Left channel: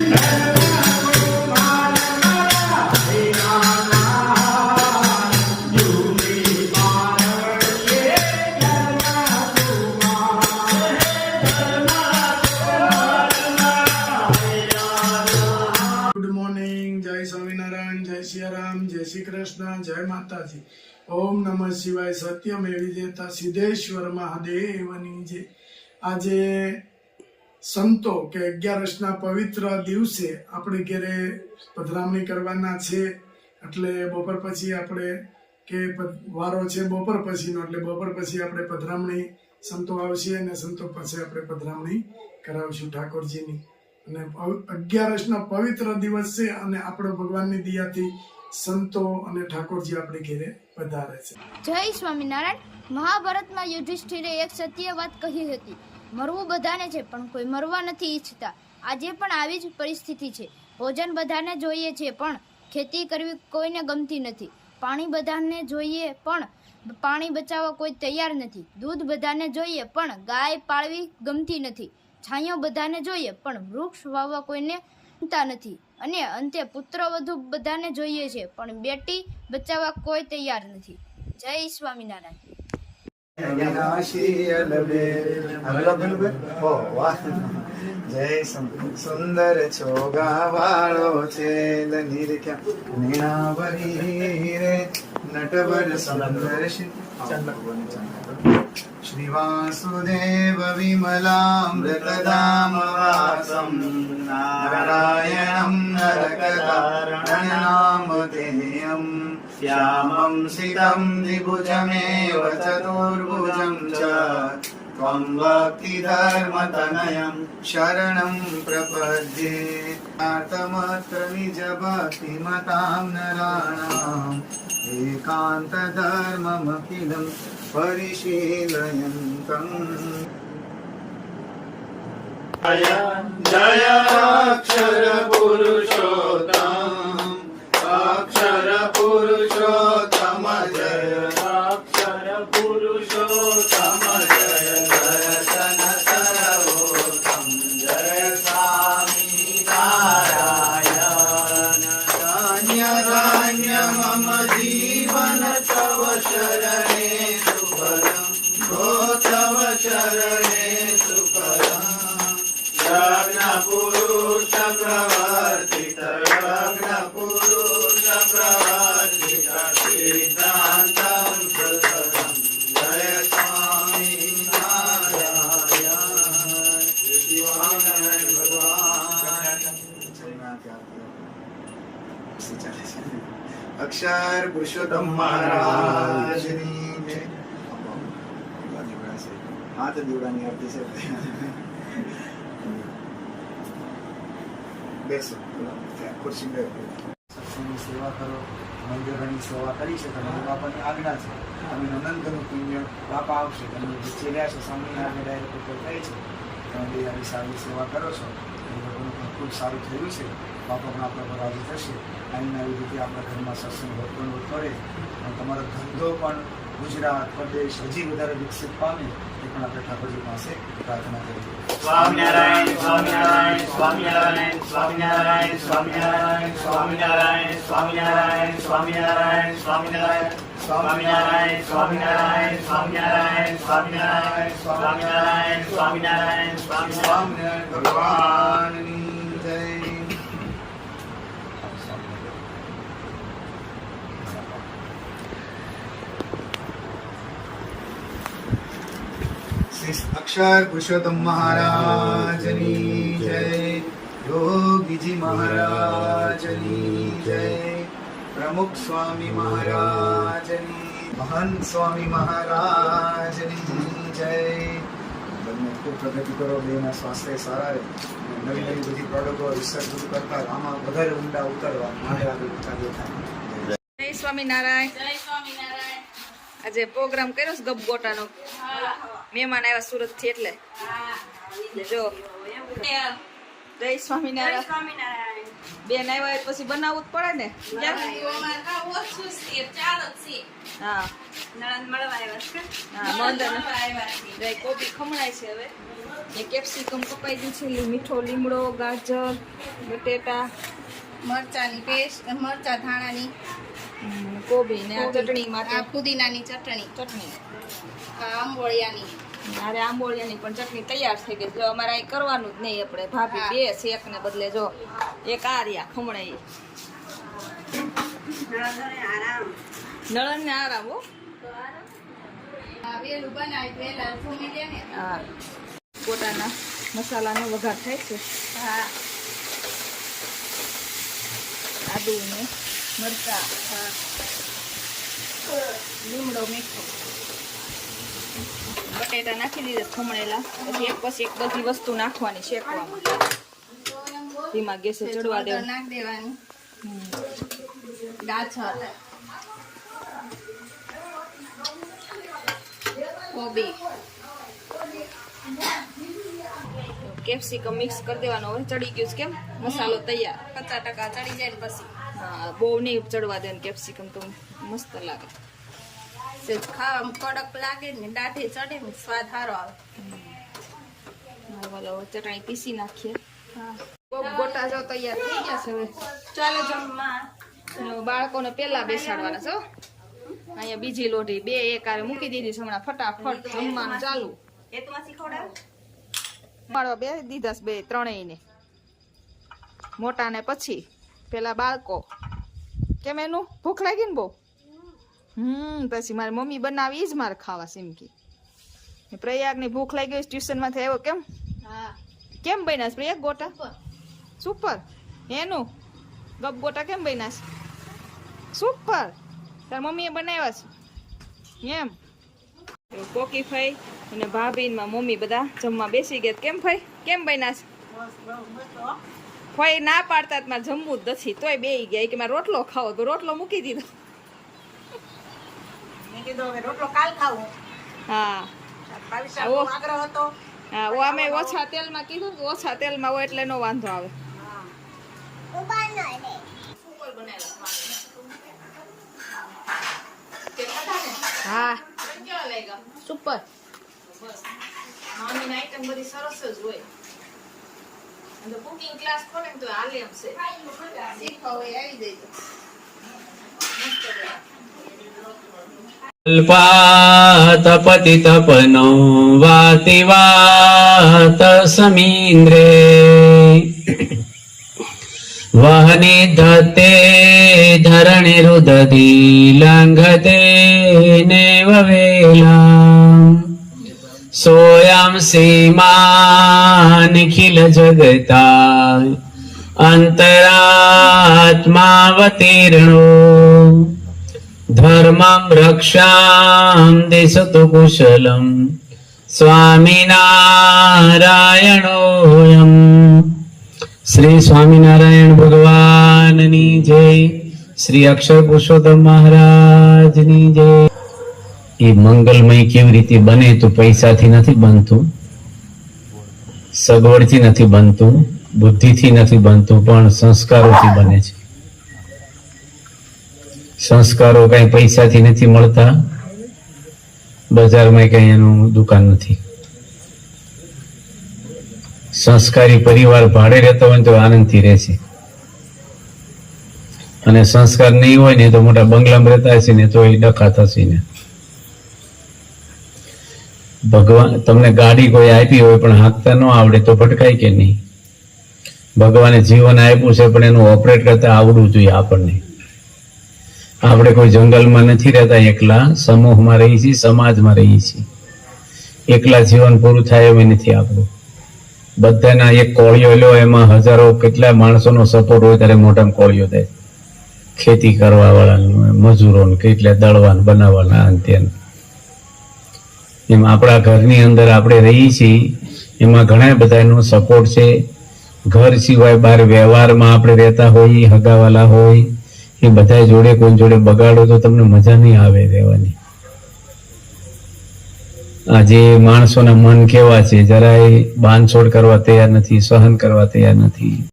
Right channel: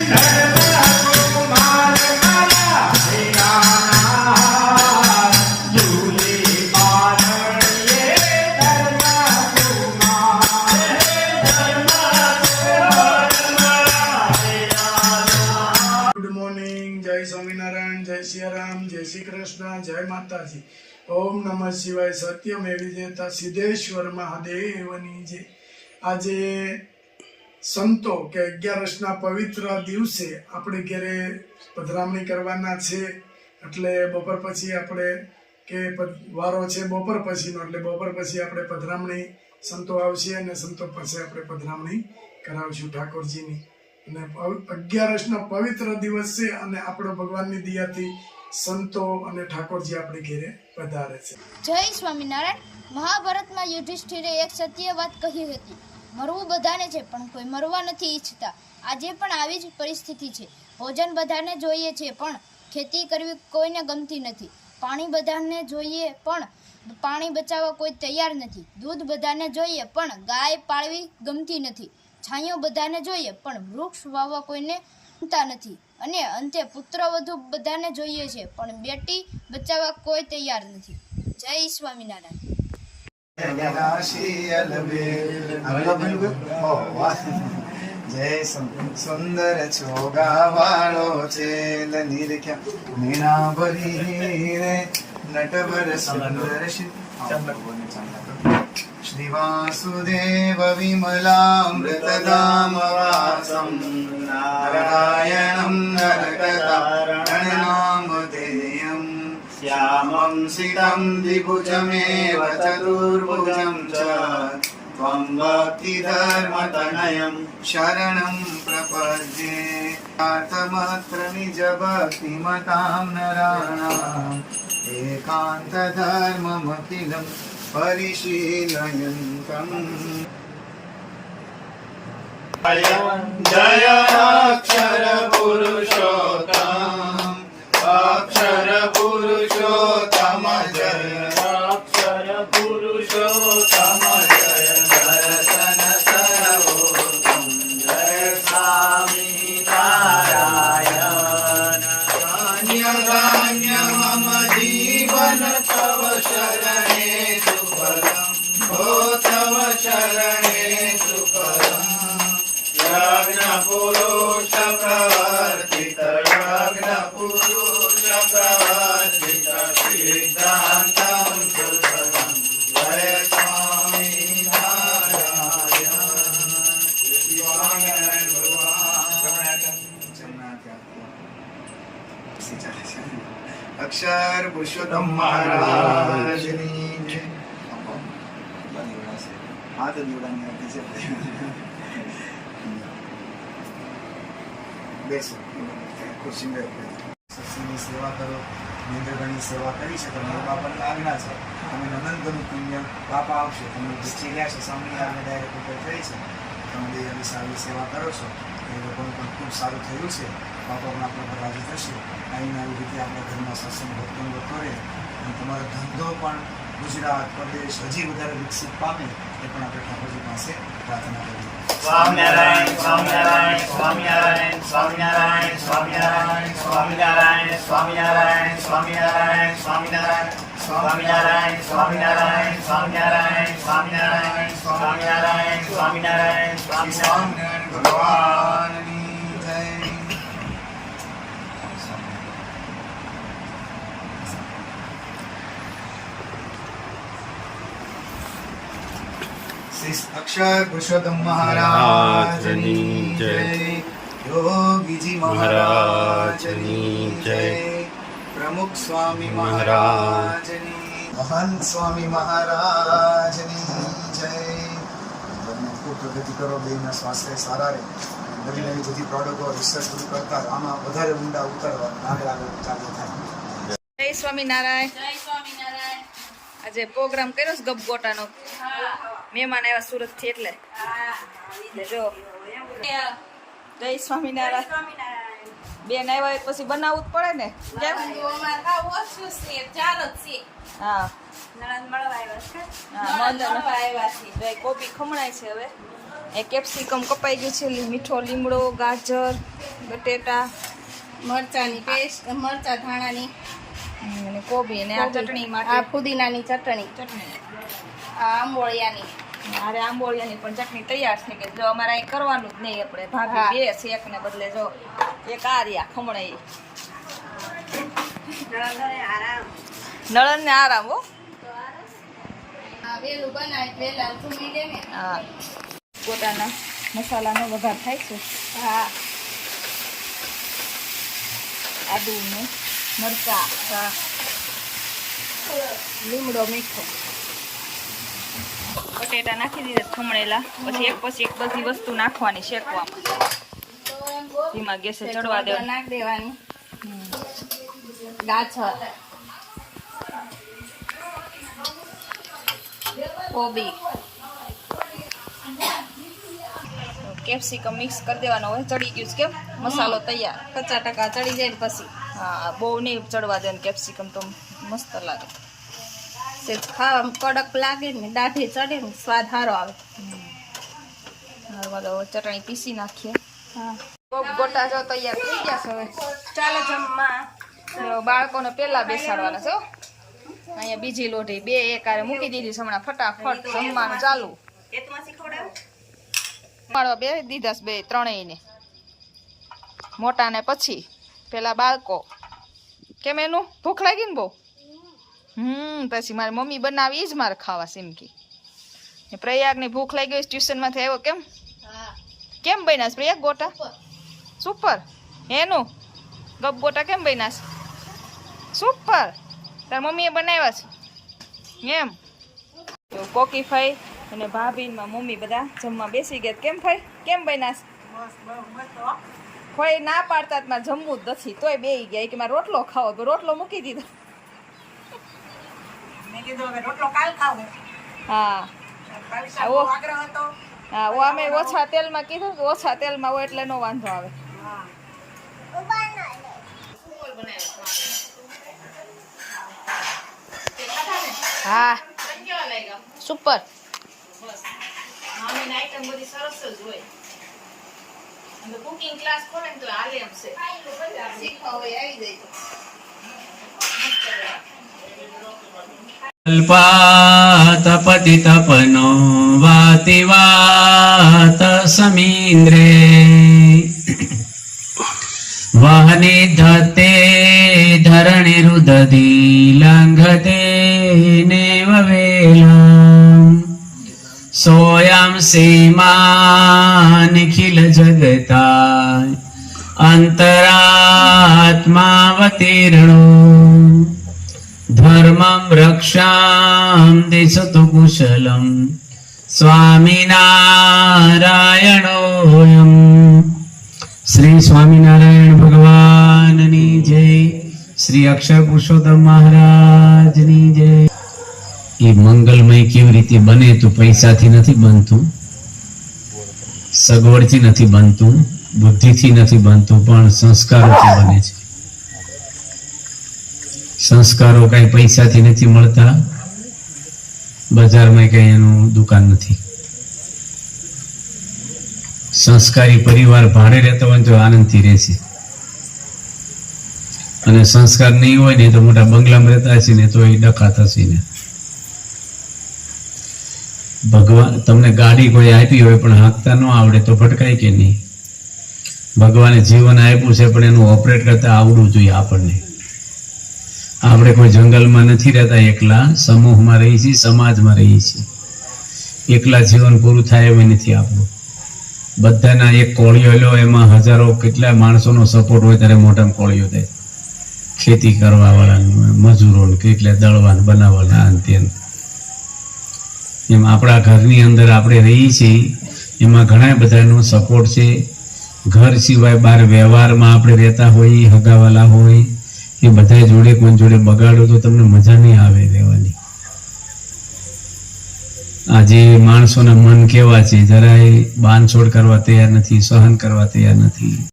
जय श्री कृष्ण, जय माताजी। ओम नमः शिवाय। सत्यमेव जयता सिद्धेश्वर महादेवनी जय। આજે સંતો કે 11ના પવિત્ર દિવસે આપણે ઘરે પધરામણી કરવાના છે, એટલે બપોર પછી આપણે કે વારો છે બપોર પછીનો, એટલે બપોર પછી આપણે પધરામણી સંતો આવશે અને સંતો પાસે આપણે પધરામણી કરાવશું ઠાકોરજીની। અને 11નો પવિત્ર દિવસ છે અને આપણો ભગવાનની દયાથી સંતો અને ઠાકોરજી આપણે ઘરે પધારે છે। જય સ્વામિનારાયણ। મહાભારતમાં યુધિષ્ઠિરે એક સત્ય વાત કહી હતી, મરવું બધાને છે પણ કોઈ મરવા નથી ઈચ્છતા। આજે પણ આવી જ પરિસ્થિતિ છે। ભોજન બધાને જોઈએ છે પણ ખેતી કરવી કોઈને ગમતી નથી। પાણી બધાને જોઈએ પણ પાણી બચાવવા કોઈ તૈયાર નથી। દૂધ બધાને જોઈએ પણ ગાય પાળવી ગમતી નથી। છાંયો બધાને જોઈએ પણ વૃક્ષ વાવવા કોઈને ગમતા નથી। અને અંતે પુત્ર વધુ બધાને જોઈએ છે પણ બેટી બચાવવા કોઈ તૈયાર નથી। જય સ્વામિનારાયણ। જય સુંદર છોગા વાળો છે મીણા ભરી રે નટવર સુંદર શ્રી વાસુદેવ વિમલામૃતધામ વાસમ નારાયણમ નરકતારણનામધેયમ શ્યામં સિતં દ્વિભુજમેવ ચતુર્ભુજં ચ त्वं भक्तिधर्मतनयं शरणं प्रपद्ये। आत्मत्र निजभक्तिमतां नराणाम् एकान्तधर्ममखिलं परिशीलयन्तम्। जय अक्षर पुरुषोत्तम अक्षर पुरुषोत्तम जय अक्षर पुरुषोत्तम जय दर्शन सर्वोत्तम जय स्वामिनारायण। धन्य मम जीवन तव शरणे सुफलम् ओ तव शरणे सुफलम्। यज्ञ पुरुष प्रवर्तित यज्ञ पुरुष प्रवर्तित सिद्धान्तं सुफलम् जय स्वामिनारायण। स्वामिनारायण भगवान। अक्षर पुरुषोत्तम महाराज हाथ દીવડાની આરતી છે। બેસો ખુરશી સત્સંગની સેવા કરો, મહેન્દ્રભાઈની સેવા કરી શકો, એ બાપાની આજ્ઞા છે। તમે અનંતનું પુણ્ય બાપા આવશે, તમે જે ગયા છે સામે આપણે ડાયરેક્ટ ઉપર થઈ છે, તમે દયાની સારી સેવા કરો છો, એ લોકોનું પણ ખૂબ સારું થયું છે। બાપા પણ આપણા પર રાજી થશે। આવીને આવી રીતે આપણા ઘરમાં સત્સંગ વર્તન કરે અને તમારો ધંધો પણ ગુજરાત પ્રદેશ હજી વધારે વિકસિત પામે, એ પણ આપણે ઠાકોરજી પાસે પ્રાર્થના કરીએ। સ્વામિનારાયણ સ્વામિનારાયણ સ્વામિનારાયણ સ્વામિનારાયણ સ્વામિનારાયણ સ્વામિનારાયણ સ્વામિનારાયણ સ્વામિનારાયણ સ્વામિનારાયણ સ્વામિનારાયણ સ્વામિનારાયણ સ્વામિનારાયણ સ્વામિનારાયણ સ્વામિનારાયણ સ્વામિનારાયણ સ્વામિનારાયણ ભગવાનની જય। अक्षर पुरुषोत्तम महाराजनी जय। योगीजी महाराजनी जय। प्रमुख स्वामी महाराजनी महंत स्वामी महाराजनी जय। બંને ખૂબ પ્રગતિ કરો, બેના સ્વાસ્થ્ય સારા રહે, નવી નવી બધી પ્રોડક્ટો રિસર્ચ બધું કરતા આમાં વધારે ઊંડા ઉતરવા આગળ ચાલુ થાય। જય સ્વામિનારાયણ। જય સ્વામિનારાયણ। આજે પ્રોગ્રામ કર્યો છે ગપગોટાનો, મહેમાન આવ્યા સુરત થી એટલે જો જય સ્વામિનારાયણ। બેન આવ્યા પછી બનાવવું જ પડે ને કેમ? હા હા મંદ કોબી ખમણાય છે હવે એ કેપ્સિકમ કપાઈ ગયું છે, મીઠો લીમડો, ગાજર, બટેટા, મરચાની પેસ્ટ, મરચા ધાણાની, અને કોબી ને આ ચટણી આ માટે ફુદીનાની ચટણી, આ આંબોળિયાની. અરે આંબોળિયાની પણ ચટણી તૈયાર થઈ ગઈ. જો અમારે અહીં કરવાનું જ નહીં, આપણે ભાભી બે શેક ને બદલે જો એક આ રહ્યા ખમણે નળન ને આરામ હો. વેલું બનાવી વેલા ધૂમી દે ને. હા, ગોટાના મસાલાનો વઘાર થાય છે. હા, આદુ ને મરચા, લીમડો મીઠો. બટેટા નાખી દીધા ખમણેલા. પછી એક બધી વસ્તુ નાખવાની શેકવામાં, ધીમા ગેસે ચડવા દેવા. નાખ દેવાની. ગાજર, કોબી, કેપ્સિકમ મિક્સ કરી દેવાનો. હવે ચડી ગયું છે કેમ મસાલો તૈયાર. 50% ચડી જાય ને પછી હા, બહુ નહીં ચડવા દે. કેપ્સિકમ તો મસ્ત લાગે. સેજ ખાવામાં કડક લાગે ને દાઢી ચડે ને સ્વાદ સારો આવે. હવે ચટણી પીસી નાખીએ. ગોટા જો તૈયાર થઈ ગયા છે. હવે ચાલો જમવા. બાળકોને પેલા બેસાડવાના છે. અહીંયા બીજી લોઢી બે એકારે મૂકી દીધી છે. હમણાં ફટાફટ જમવાનું ચાલુ. માળવા બે દીધા છે, બે ત્રણેયને, મોટા ને પછી પેલા બાળકો. કેમ એનું ભૂખ લાગી ને બહુ? પછી મારી મમ્મી બનાવી જ મારે ખાવા સિમકી. પ્રયાગની ભૂખ લાગી ગઈ, ટ્યુશન માંથી આવ્યો. કેમ બન્યા પ્રયાગ ગોટા? સુપર. એનું ગપ ગોટા કેમ બન્યા? સુપર. તાર મમ્મીએ બનાવ્યા છે એમ? કોકી ફાઈ અને ભાભી ને મમ્મી બધા જમવા બેસી ગયા. કેમ ફાઈ કેમ બન્યા? ફાઈ ના પાડતા મારે જમવું જ નથી, તોય બેસી ગયા કે મારે રોટલો ખાવો. તો રોટલો મૂકી દીધો. હા, હા, અમે ઓછા તેલમાં કીધું, ઓછા તેલમાં હોય એટલે નો વાંધો આવે. હા, સુપર. તપતિ તપનો વાતિ વાત સમીન્દ્રે વહને ધતે ધરણી રુદધી લંઘતે નેવ વેલા સોયમ સીમા નિખિલ જગતા અંતરાત્માવતીર્ણો ધર્મમ રક્ષામ દિશતુ કુશલમ સ્વામિનારાયણોયમ. શ્રી સ્વામિનારાયણ ભગવાનની જય. શ્રી અક્ષર પુરુષોત્તમ મહારાજની જય. એ મંગલમય કેવી રીતે બને? તો પૈસાથી નથી બનતું, સગવડથી નથી બનતું, બુદ્ધિથી નથી બનતું, પણ સંસ્કારોથી બને છે. સંસ્કારો કઈ પૈસાથી નથી મળતા, બજારમાં કઈ એનું દુકાન નથી. સંસ્કારી પરિવાર ભાડે રહેતો હોય તો આનંદથી રહે છે, અને સંસ્કાર નહીં હોય ને તો મોટા બંગલામાં રહેતા છે ને તો એ ડખા થશે ને. ભગવાન તમને ગાડી કોઈ આપી હોય પણ હાંકતા ન આવડે તો ભટકાય કે નહીં? ભગવાને જીવન આપ્યું છે પણ એનું ઓપરેટ કરતા આવડવું જોઈએ આપણને. આપણે કોઈ જંગલમાં નથી રહેતા, એકલા સમૂહમાં રહી છીએ, સમાજમાં રહી છીએ. એકલા જીવન પૂરું થાય એવું નથી આપણું. બધાના એક કોળિયો લો, એમાં હજારો કેટલા માણસોનો સપોર્ટ હોય ત્યારે મોટામાં કોળિયો થાય. ખેતી કરવા વાળા, મજૂરો, કેટલા દળવાન બનાવવાના અંત્યનું. એમ આપણા ઘરની અંદર આપણે રહીએ છીએ, એમાં ઘણા બધાનો સપોર્ટ છે. ઘર સિવાય બહાર વ્યવહારમાં આપણે રહેતા હોઈએ, હગાવાલા હોય, એ બધા જોડે કોઈ જોડે બગાડો તો તમને મજા નહીં આવે રહેવાની. આજે માણસોના મન કેવા છે, જરાય બાંધછોડ કરવા તૈયાર નથી, સહન કરવા તૈયાર નથી.